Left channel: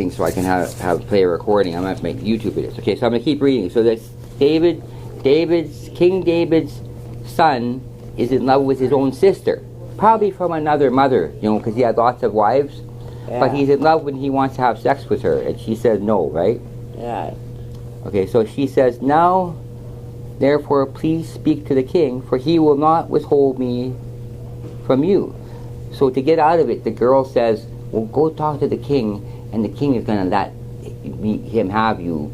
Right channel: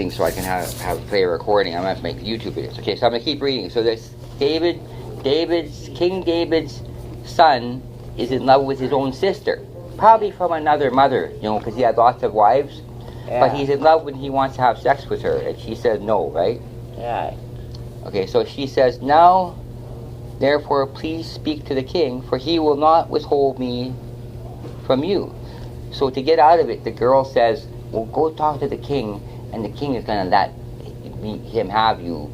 thing so I can play a recording. I'm going to make YouTube videos. Okay, so I'm going to keep reading. So this King David's son is in love with his own sister. Probably from another mother, because he had lots of wives. Yeah. But he's in love when he wants to have sex with her. And she says no, right? Yeah. Okay, so she says, now, therefore, please speak to the king, for he will not withhold me from you. So to get out of it, the girl says, well, go talk to the king, and the king is going to let him have you,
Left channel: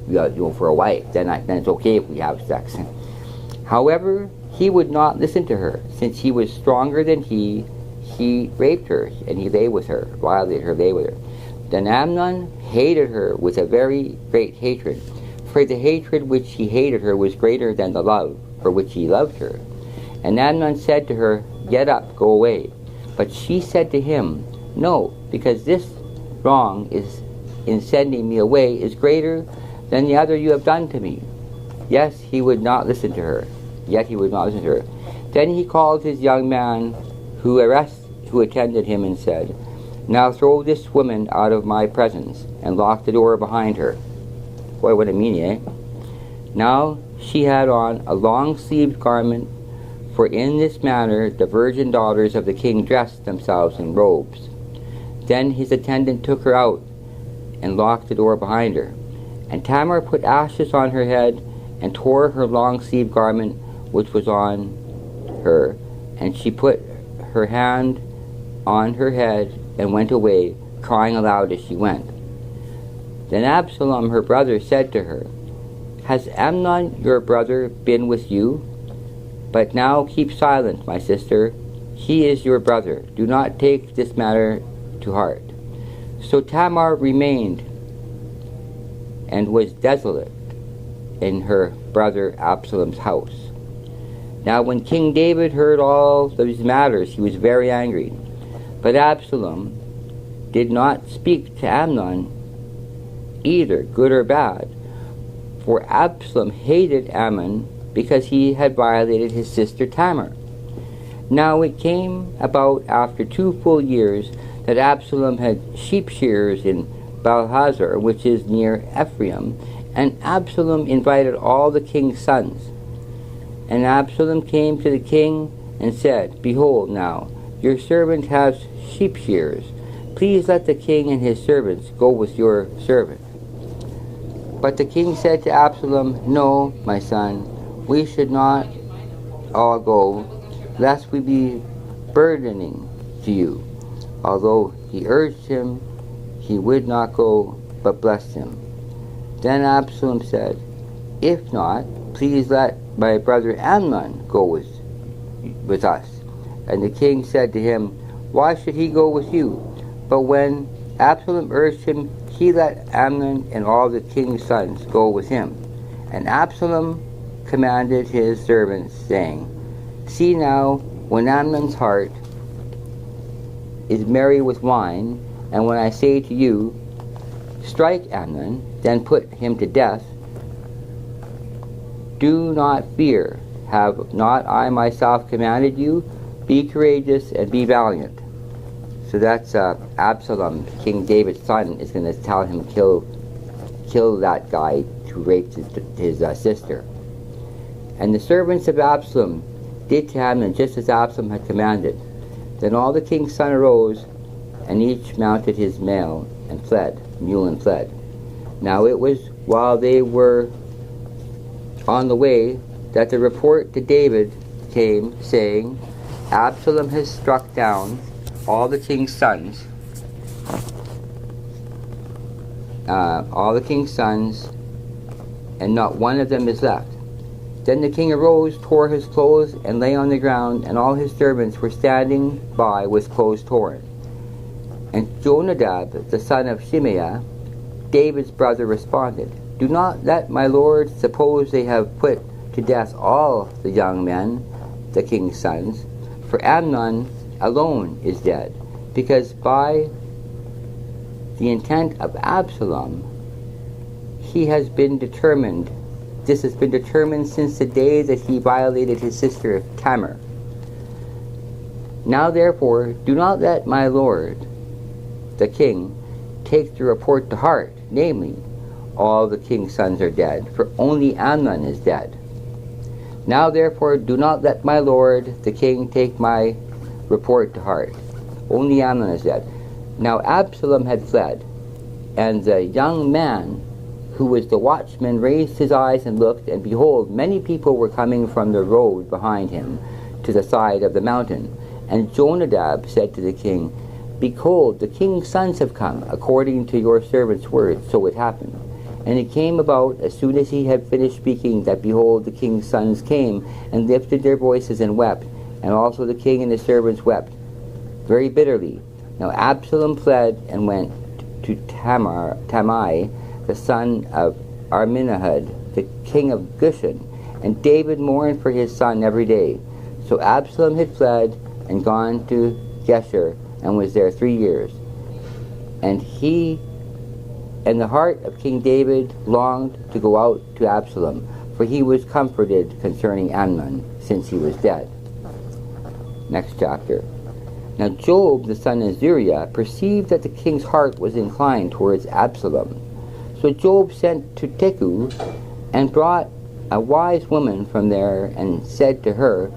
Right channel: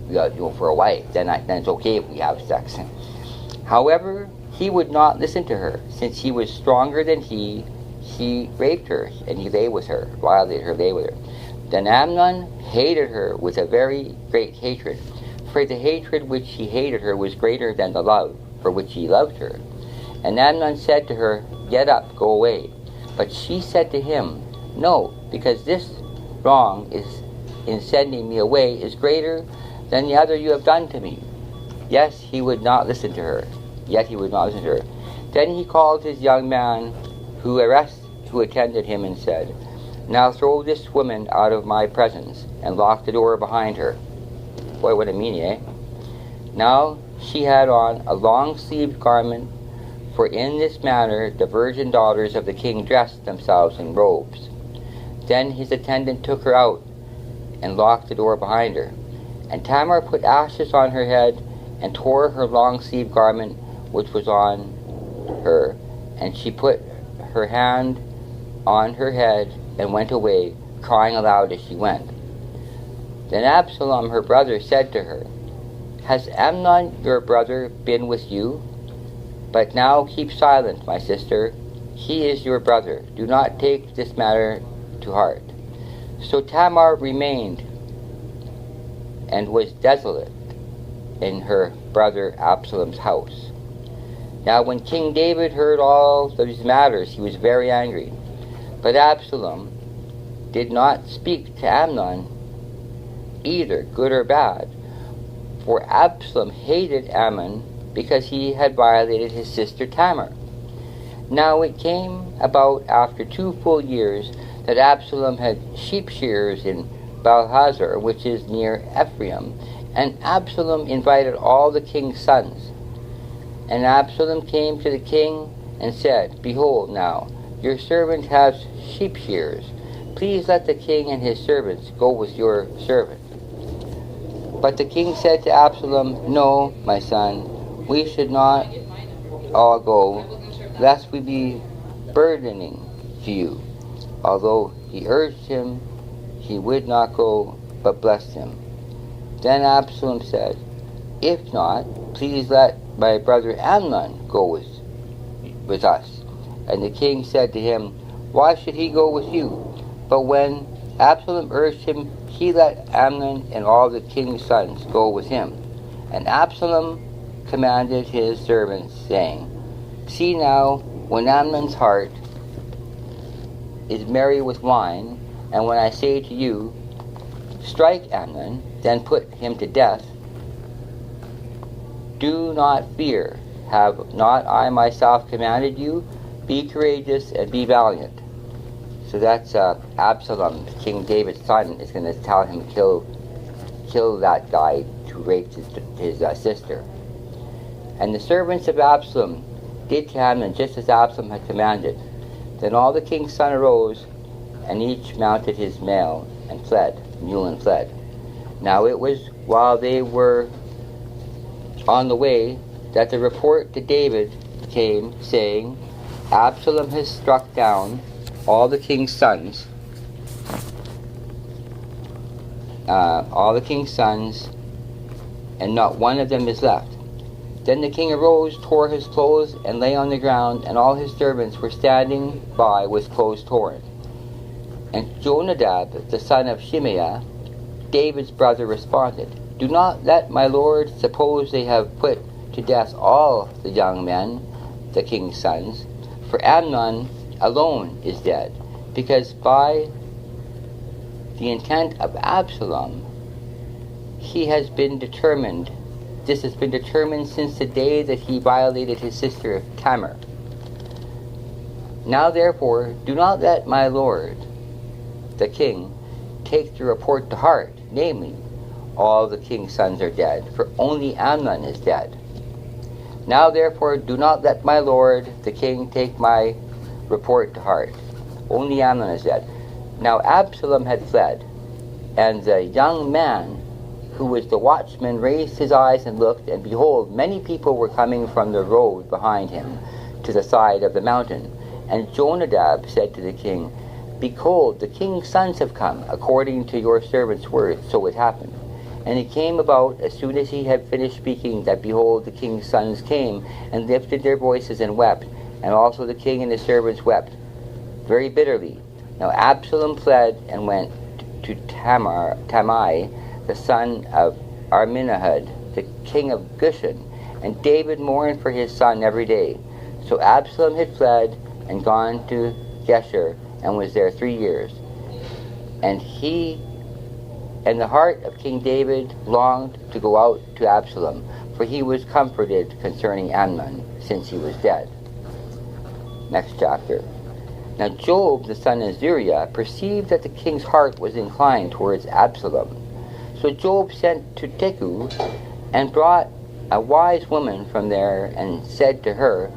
for a wife. Then it's okay if we have sex. However, he would not listen to her. Since he was stronger than he raped her, and he lay with her, violated her, lay with her. Then Amnon hated her with a very great hatred. For the hatred which he hated her was greater than the love for which he loved her. And Amnon said to her, get up, go away. But she said to him, no, because this wrong is in sending me away is greater than the other you have done to me. Yes, he would not listen to her. Yet he would not listen to her. Then he called his young man who attended him and said, now throw this woman out of my presence, and lock the door behind her. Boy, what a meanie, eh? Now she had on a long-sleeved garment, for in this manner the virgin daughters of the king dressed themselves in robes. Then his attendant took her out, and locked the door behind her. And Tamar put ashes on her head, and tore her long-sleeved garment which was on her, and she put her hand on her head, and went away, crying aloud as she went. Then Absalom her brother said to her, has Amnon your brother been with you? But now keep silent, my sister. He is your brother. Do not take this matter to heart. So Tamar remained and was desolate in her brother Absalom's house. Now when King David heard all these matters, he was very angry. But Absalom did not speak to Amnon either, good or bad, for Absalom hated Ammon because he had violated his sister Tamar. Now it came about after 2 full years that Absalom had sheep shearers in Baalhazor, which is near Ephraim, and Absalom invited all the king's sons. And Absalom came to the king and said, behold now, your servant has sheep shearers. Please let the king and his servants go with your servant. But the king said to Absalom, no, my son, we should not all go, lest we be burdening to you. Although he urged him, he would not go, but blessed him. Then Absalom said, if not, please let my brother Amnon go with us. And the king said to him, why should he go with you? But when Absalom urged him, he let Amnon and all the king's sons go with him. And Absalom commanded his servants, saying, see now, when Amnon's heart is merry with wine, and when I say to you, strike Amnon, then put him to death, do not fear. Have not I myself commanded you? Be courageous and be valiant. So that's Absalom, King David's son, is going to tell him to kill that guy who raped his sister. And the servants of Absalom did to Amnon just as Absalom had commanded. Then all the king's sons arose, and each mounted his mule and fled. Now it was while they were on the way that the report to David came, saying, Absalom has struck down all the king's sons, and not one of them is left. Then the king arose, tore his clothes, and lay on the ground, and all his servants were standing by with clothes torn. And Jonadab, the son of Shimeah, David's brother, responded, do not let my lord suppose they have put to death all the young men, the king's sons, for Amnon alone is dead, because by the intent of Absalom this has been determined since the day that he violated his sister Tamar. Now therefore do not let my lord the king take the report to heart, namely, all the king's sons are dead, for only Amnon is dead. Now therefore do not let my lord the king take my report to heart. Only Amnon is dead. Now Absalom had fled, and the young man who was the watchman raised his eyes and looked, and behold, many people were coming from the road behind him to the side of the mountain. And Jonadab said to the king, Behold, the king's sons have come, according to your servant's words. So it happened. And it came about, as soon as he had finished speaking, that behold, the king's sons came, and lifted their voices and wept, and also the king and his servants wept very bitterly. Now Absalom fled and went to Tamai, the son of Arminahud, the king of Gushan, and David mourned for his son every day. So Absalom had fled and gone to Geshur, and was there 3 years. And the heart of King David longed to go out to Absalom, for he was comforted concerning Amnon, since he was dead. Next chapter. Now Job, the son of Zeruiah, perceived that the king's heart was inclined towards Absalom. So Job sent to Teku, and brought a wise woman from there, and said to her,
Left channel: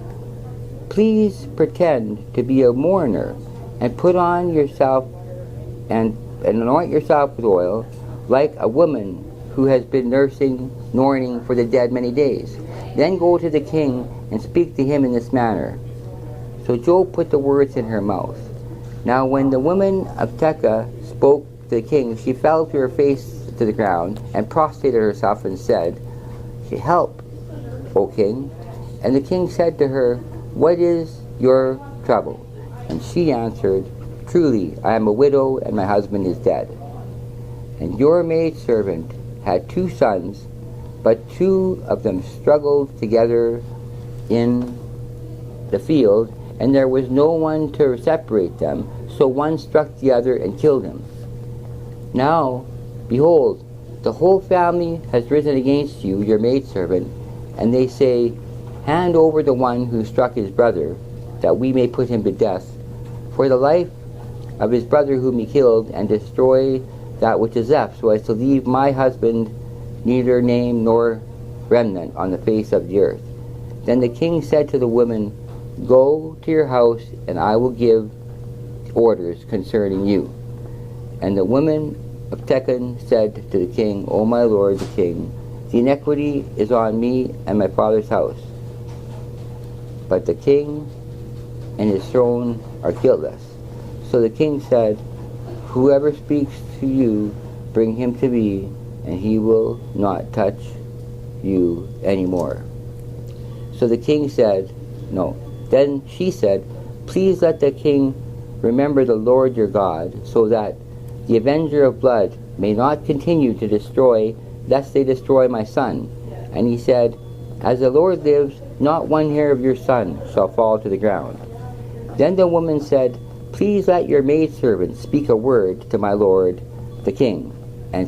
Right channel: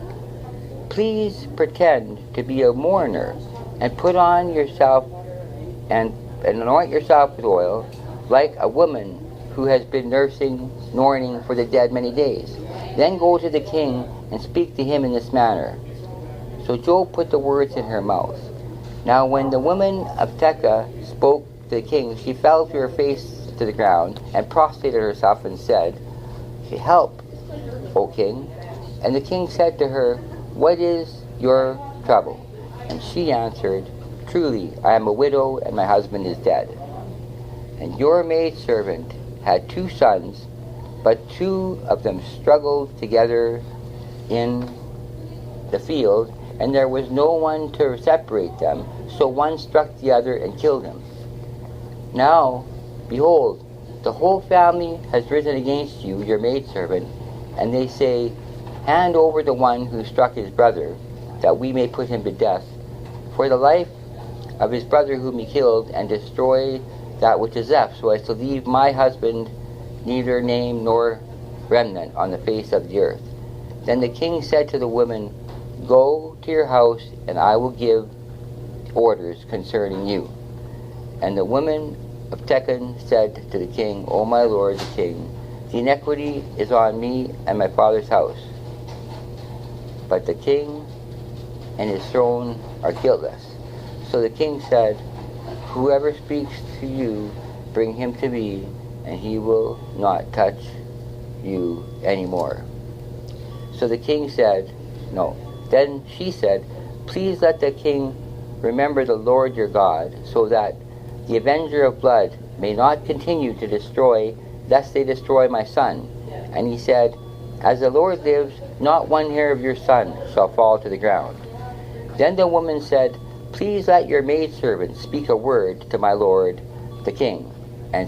Please pretend to be a mourner, and put on yourself and anoint yourself with oil, like a woman who has been mourning for the dead many days. Then go to the king and speak to him in this manner. So Job put the words in her mouth. Now when the woman of Tekoa spoke to the king, she fell to her face to the ground, and prostrated herself, and said, Help, O king. And the king said to her, What is your trouble? And she answered, Truly, I am a widow, and my husband is dead. And your maidservant had 2 sons, but 2 of them struggled together in the field, and there was no one to separate them. So one struck the other and killed him. Now, behold, the whole family has risen against you, your maidservant, and they say, Hand over the one who struck his brother, that we may put him to death, for the life of his brother whom he killed, and destroy that which is left, so as to leave my husband neither name nor remnant on the face of the earth. Then the king said to the woman, Go to your house, and I will give orders concerning you. And the woman of Tekoa said to the king, O my lord the king, the iniquity is on me and my father's house, but the king and his throne are guiltless. So the king said, Whoever speaks to you, bring him to me, and he will not touch you anymore. So the king said, No. Then she said, Please let the king remember the Lord your God, so that the avenger of blood may not continue to destroy, lest they destroy my son. And he said, As the Lord lives, not one hair of your son shall fall to the ground. Then the woman said, Please let your maidservant speak a word to my lord the king. And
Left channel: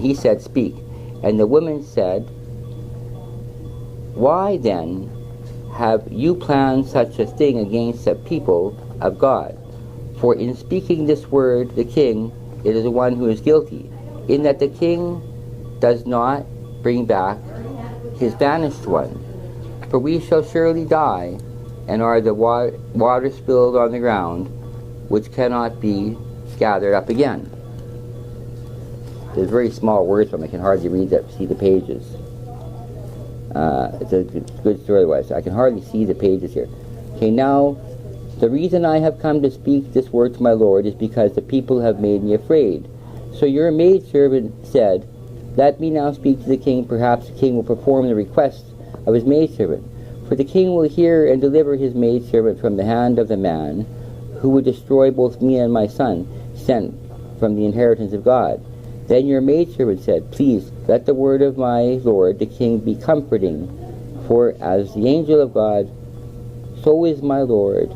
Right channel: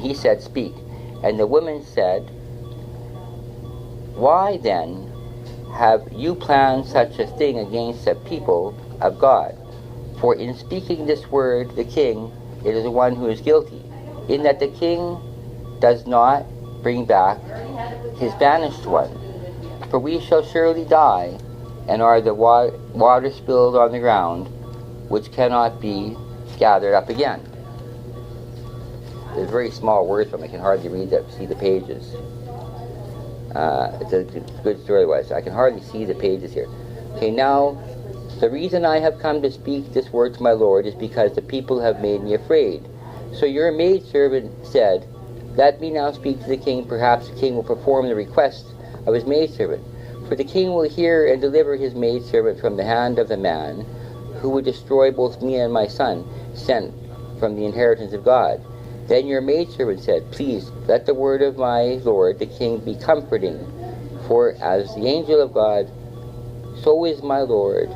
he said, Speak. And the woman said, Why then have you planned such a thing against the people of God? For in speaking this word, the king, it is the one who is guilty, in that the king does not bring back his banished one. For we shall surely die, and are the water spilled on the ground, which cannot be gathered up again. There's very small words from it. I can hardly see the pages. It's a good story otherwise. I can hardly see the pages here. Okay, now, the reason I have come to speak this word to my lord is because the people have made me afraid. So your maidservant said, Let me now speak to the king. Perhaps the king will perform the request of his maidservant. For the king will hear and deliver his maidservant from the hand of the man who would destroy both me and my son, sent from the inheritance of God. Then your maidservant said, Please, let the word of my lord the king be comforting, for as the angel of God, so is my lord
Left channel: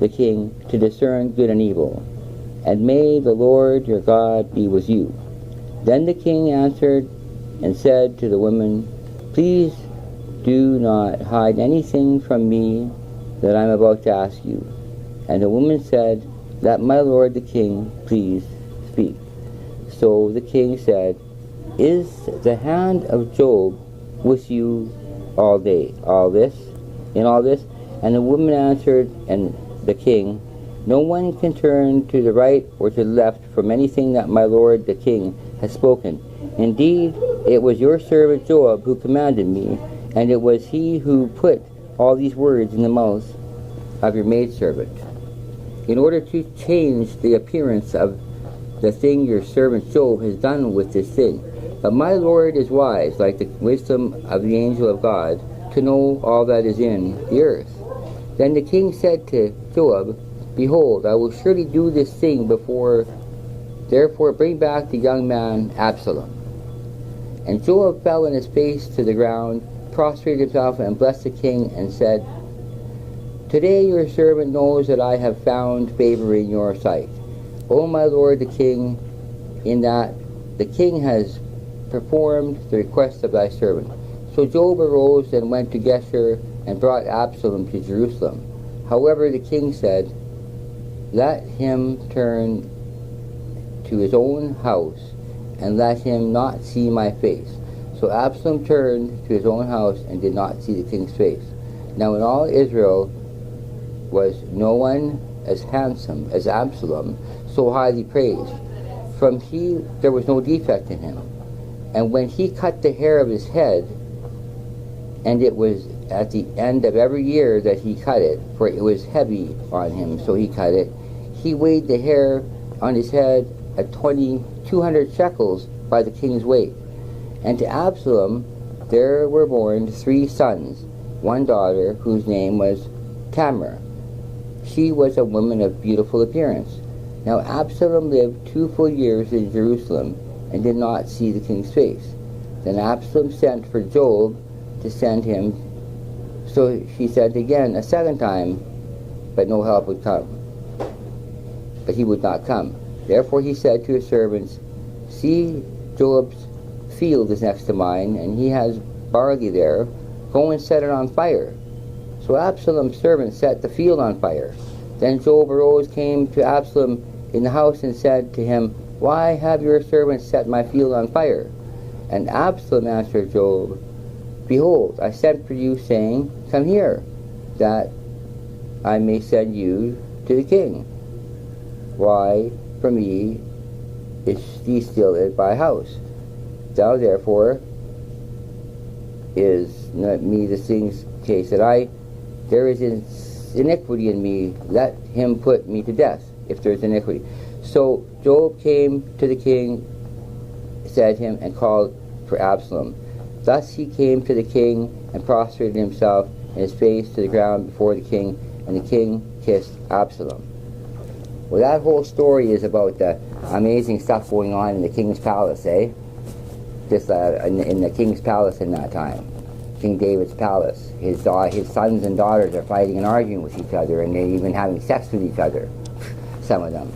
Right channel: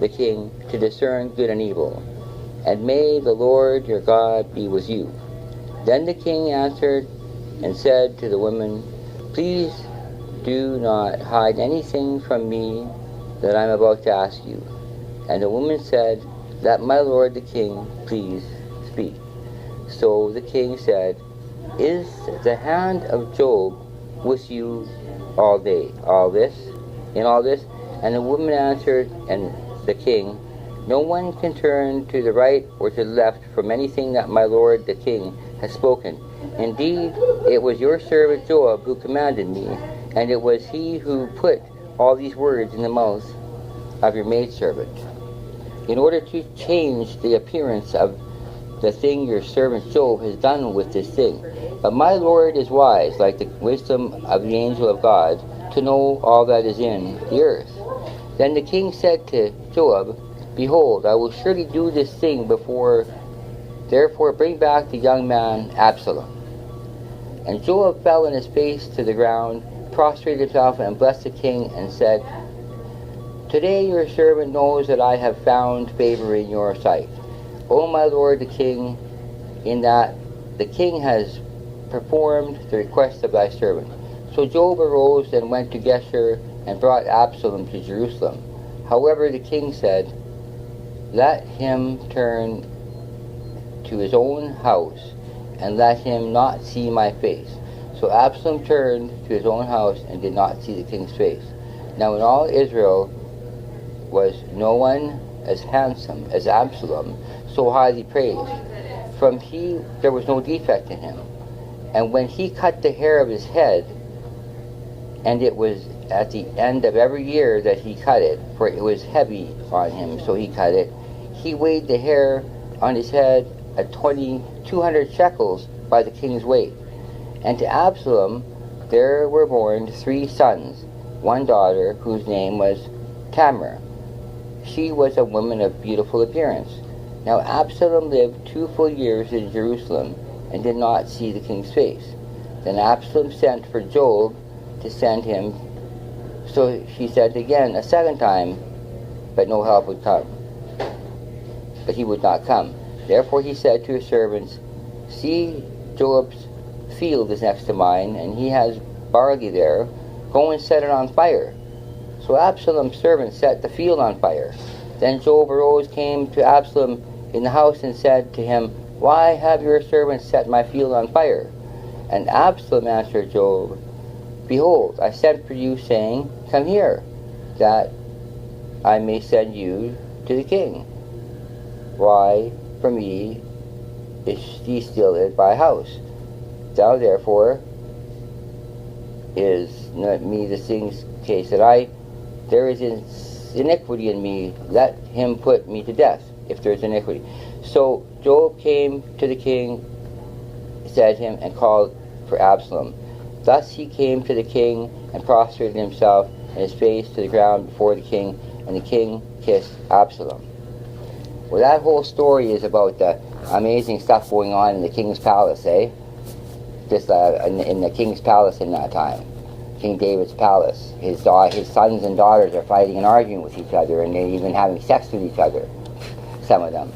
the king to discern good and evil. And may the Lord your God be with you. Then the king answered and said to the woman, Please do not hide anything from me that I am about to ask you. And the woman said, Let my lord the king please speak. So the king said, Is the hand of Job with you all day, in all this? And the woman answered, and the king, No one can turn to the right or to the left from anything that my lord the king has spoken. Indeed, it was your servant Job who commanded me, and it was he who put all these words in the mouth of your maidservant, in order to change the appearance of the thing your servant Job has done with this thing. But my Lord is wise, like the wisdom of the angel of God, to know all that is in the earth. Then the king said to Job, Behold, I will surely do this thing before. Therefore bring back the young man Absalom. And Job fell on his face to the ground, prostrated himself, and blessed the king, and said, Today your servant knows that I have found favor in your sight, O my lord the king, in that the king has performed the request of thy servant. So Job arose and went to Geshur, and brought Absalom to Jerusalem. However, the king said, Let him turn to his own house, and let him not see my face. So Absalom turned to his own house, and did not see the king's face. Now in all Israel was no one as handsome as Absalom, so highly praised. From he there was no defect in him. And when he cut the hair of his head, and it was at the end of every year that he cut it, for it was heavy on him, so he cut it, he weighed the hair on his head at 200 shekels by the king's weight. And to Absalom there were born 3 sons, one daughter whose name was Tamar. She was a woman of beautiful appearance. Now Absalom lived 2 full years in Jerusalem, and did not see the king's face. Then Absalom sent for Job to send him. So she sent again a second time, but no help would come. But he would not come. Therefore he said to his servants, See, Job's field is next to mine, and he has barley there. Go and set it on fire. So Absalom's servants set the field on fire. Then Job arose, came to Absalom in the house, and said to him, Why have your servants set my field on fire? And Absalom answered Job, Behold, I sent for you, saying, Come here, that I may send you to the king. Why, from me is he still at my house? Thou therefore is not me the thing's case that there is iniquity in me, let him put me to death, if there is iniquity. So Job came to the king, said him, and called for Absalom. Thus he came to the king, and prostrated himself, and his face to the ground before the king, and the king kissed Absalom. Well, that whole story is about the amazing stuff going on in the king's palace, in the king's palace in that time. King David's palace. His sons and daughters are fighting and arguing with each other, and they're even having sex with each other, some of them.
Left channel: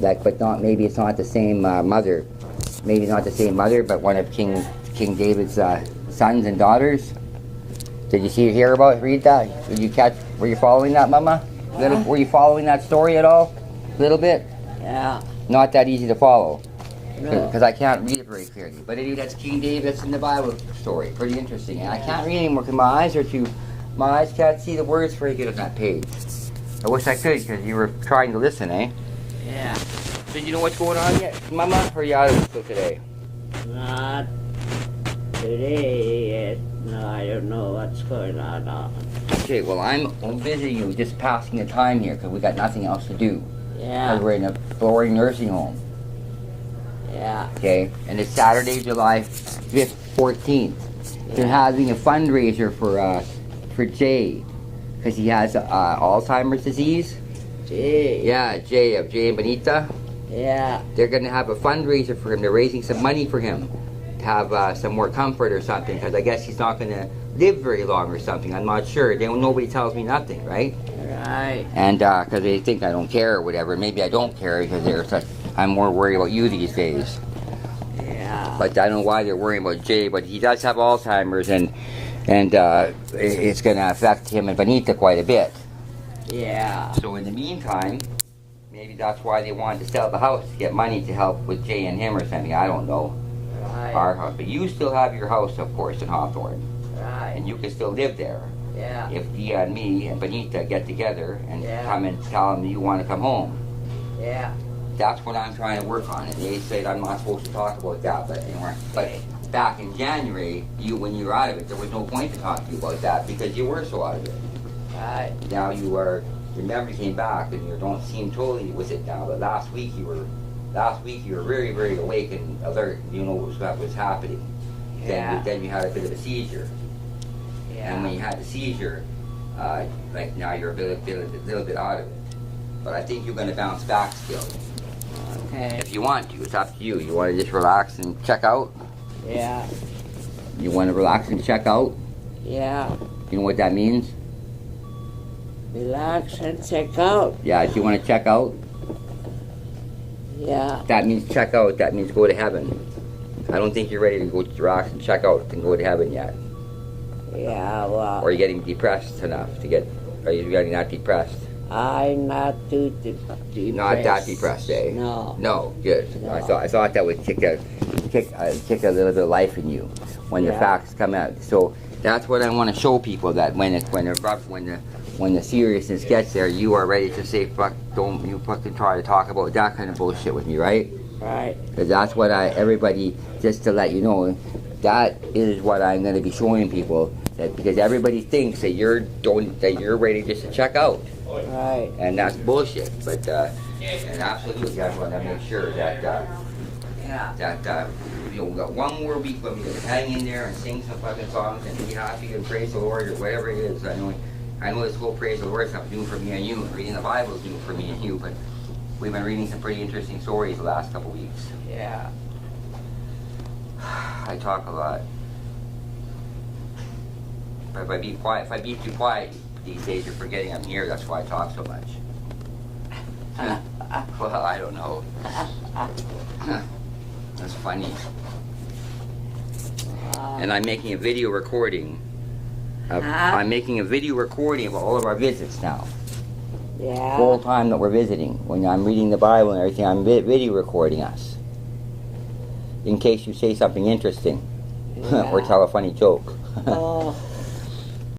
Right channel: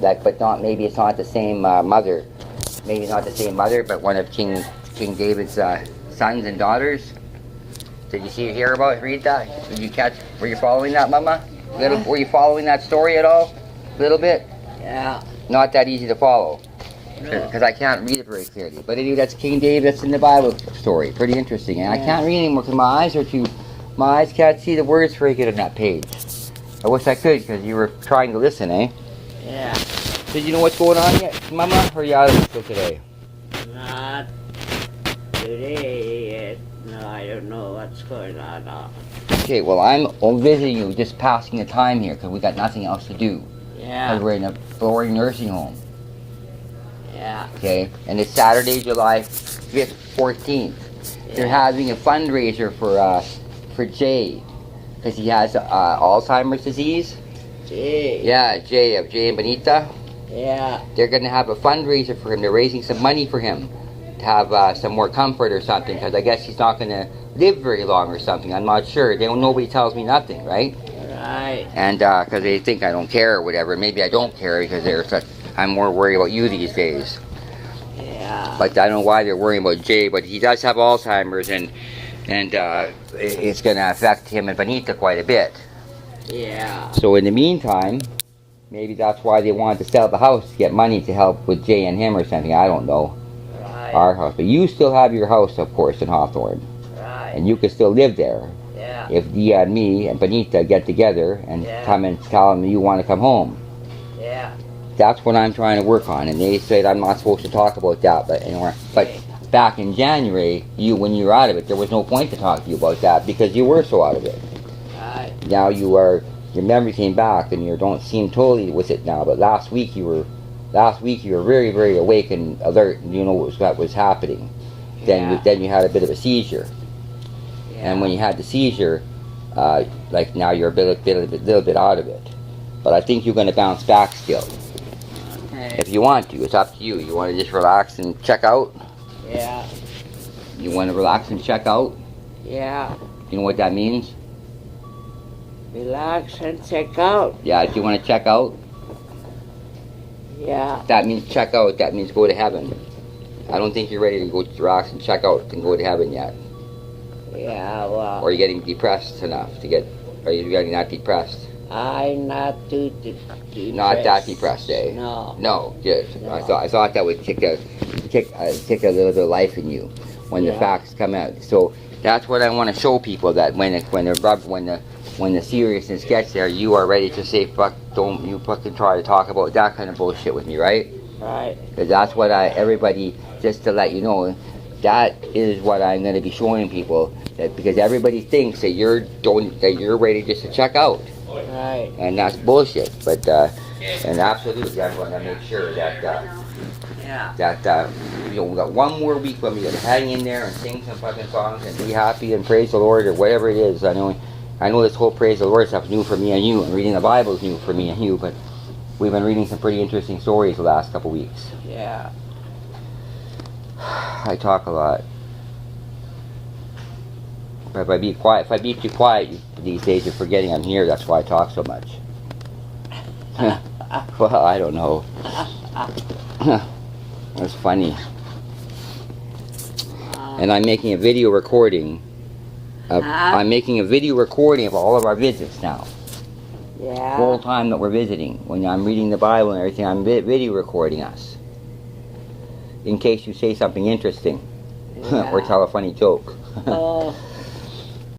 But not, maybe it's not the same mother. Maybe not the same mother, but one of King David's sons and daughters. Did you read that? Did you were you following that, Mama? Were you following that story at all? A little bit? Yeah. Not that easy to follow. No. Because I can't read it very clearly. But anyway, that's King David. That's in the Bible story. Pretty interesting. And I can't read anymore because my eyes can't see the words very good on that page. I wish I could, because you were trying to listen, eh? Yeah. So you know what's going on yet, Mama? Or are you out of it still today? Not today yet. No, I don't know what's going on now. Okay, well, I'm visiting you, just passing the time here, because we got nothing else to do. Yeah. Because we're in a boring nursing home. Yeah. Okay, and it's Saturday, July 5th, 14th. They're having a fundraiser for Jay, because he has Alzheimer's disease. Jay. Yeah, Jay and Benita. Yeah. They're going to have a fundraiser for him. They're raising some money for him to have some more comfort or something, because I guess he's not going to live very long or something. I'm not sure. Nobody tells me nothing, right? Right. And because they think I don't care or whatever. Maybe I don't care because I'm more worried about you these days. Yeah. But I don't know why they're worrying about Jay, but he does have Alzheimer's, and it's going to affect him and Benita quite a bit. Yeah. So in the meantime, Maybe that's why they wanted to sell the house to get money to help with Jay and him or something. I don't know. Right. Our house. But you still have your house, of course, in Hawthorne. Right. And you can still live there. Yeah. If me and Benita get together and Yeah. come and tell them you want to come home. Yeah. That's what I'm trying to work on. And they said I'm not supposed to talk about that. But back in January, when you were out of it, there was no point to talk to you about that because you were so out of it. Right. Now your memory came back and you don't seem totally with it now. But last week you were very, very awake and alert. And you know what was happening. Yeah. Then you had a bit of a seizure. Yeah. And when you had the seizure, like now you're a little bit out of it. But I think you're going to bounce back still. Okay. If you want to, it's up to you. You want to just relax and check out? Yeah. You want to relax and check out? Yeah. Do you know what that means? Relax and check out. Yeah, if you want to check out, Yeah. that means check out. That means go to heaven. I don't think you're ready to go to relax and check out and go to heaven yet. Yeah. Well, Or you're getting depressed enough to get, or you're getting not depressed. I'm not too depressed. Not that depressed, eh? No. No, good. No. I thought that would kick a little bit of life in you when the Yeah. facts come out. So that's what I want to show people, that when the seriousness gets there, you are ready to say, fuck, don't you fucking try to talk about that kind of bullshit with me, right? Right. Because that's what everybody, just to let you know, that is what I'm going to be showing people. That because everybody thinks that you're ready just to check out. Right. And that's bullshit. But and absolutely, I want to make sure that Yeah. we got one more week when we can hang in there and sing some fucking songs and be happy and praise the Lord or whatever it is. I know this whole praise the Lord stuff is new for me and you, and reading the Bible is new for me and you. But we've been reading some pretty interesting stories the last couple weeks. Yeah. I talk a lot. But if I be too quiet these days, you're forgetting I'm here. That's why I talk so much. Well, I don't know. That's funny. And I'm making a video recording. I'm making a video recording of all of our visits now. Yeah. Full time that we're visiting. When I'm reading the Bible and everything, I'm video recording us. In case you say something interesting or tell a funny joke. Oh.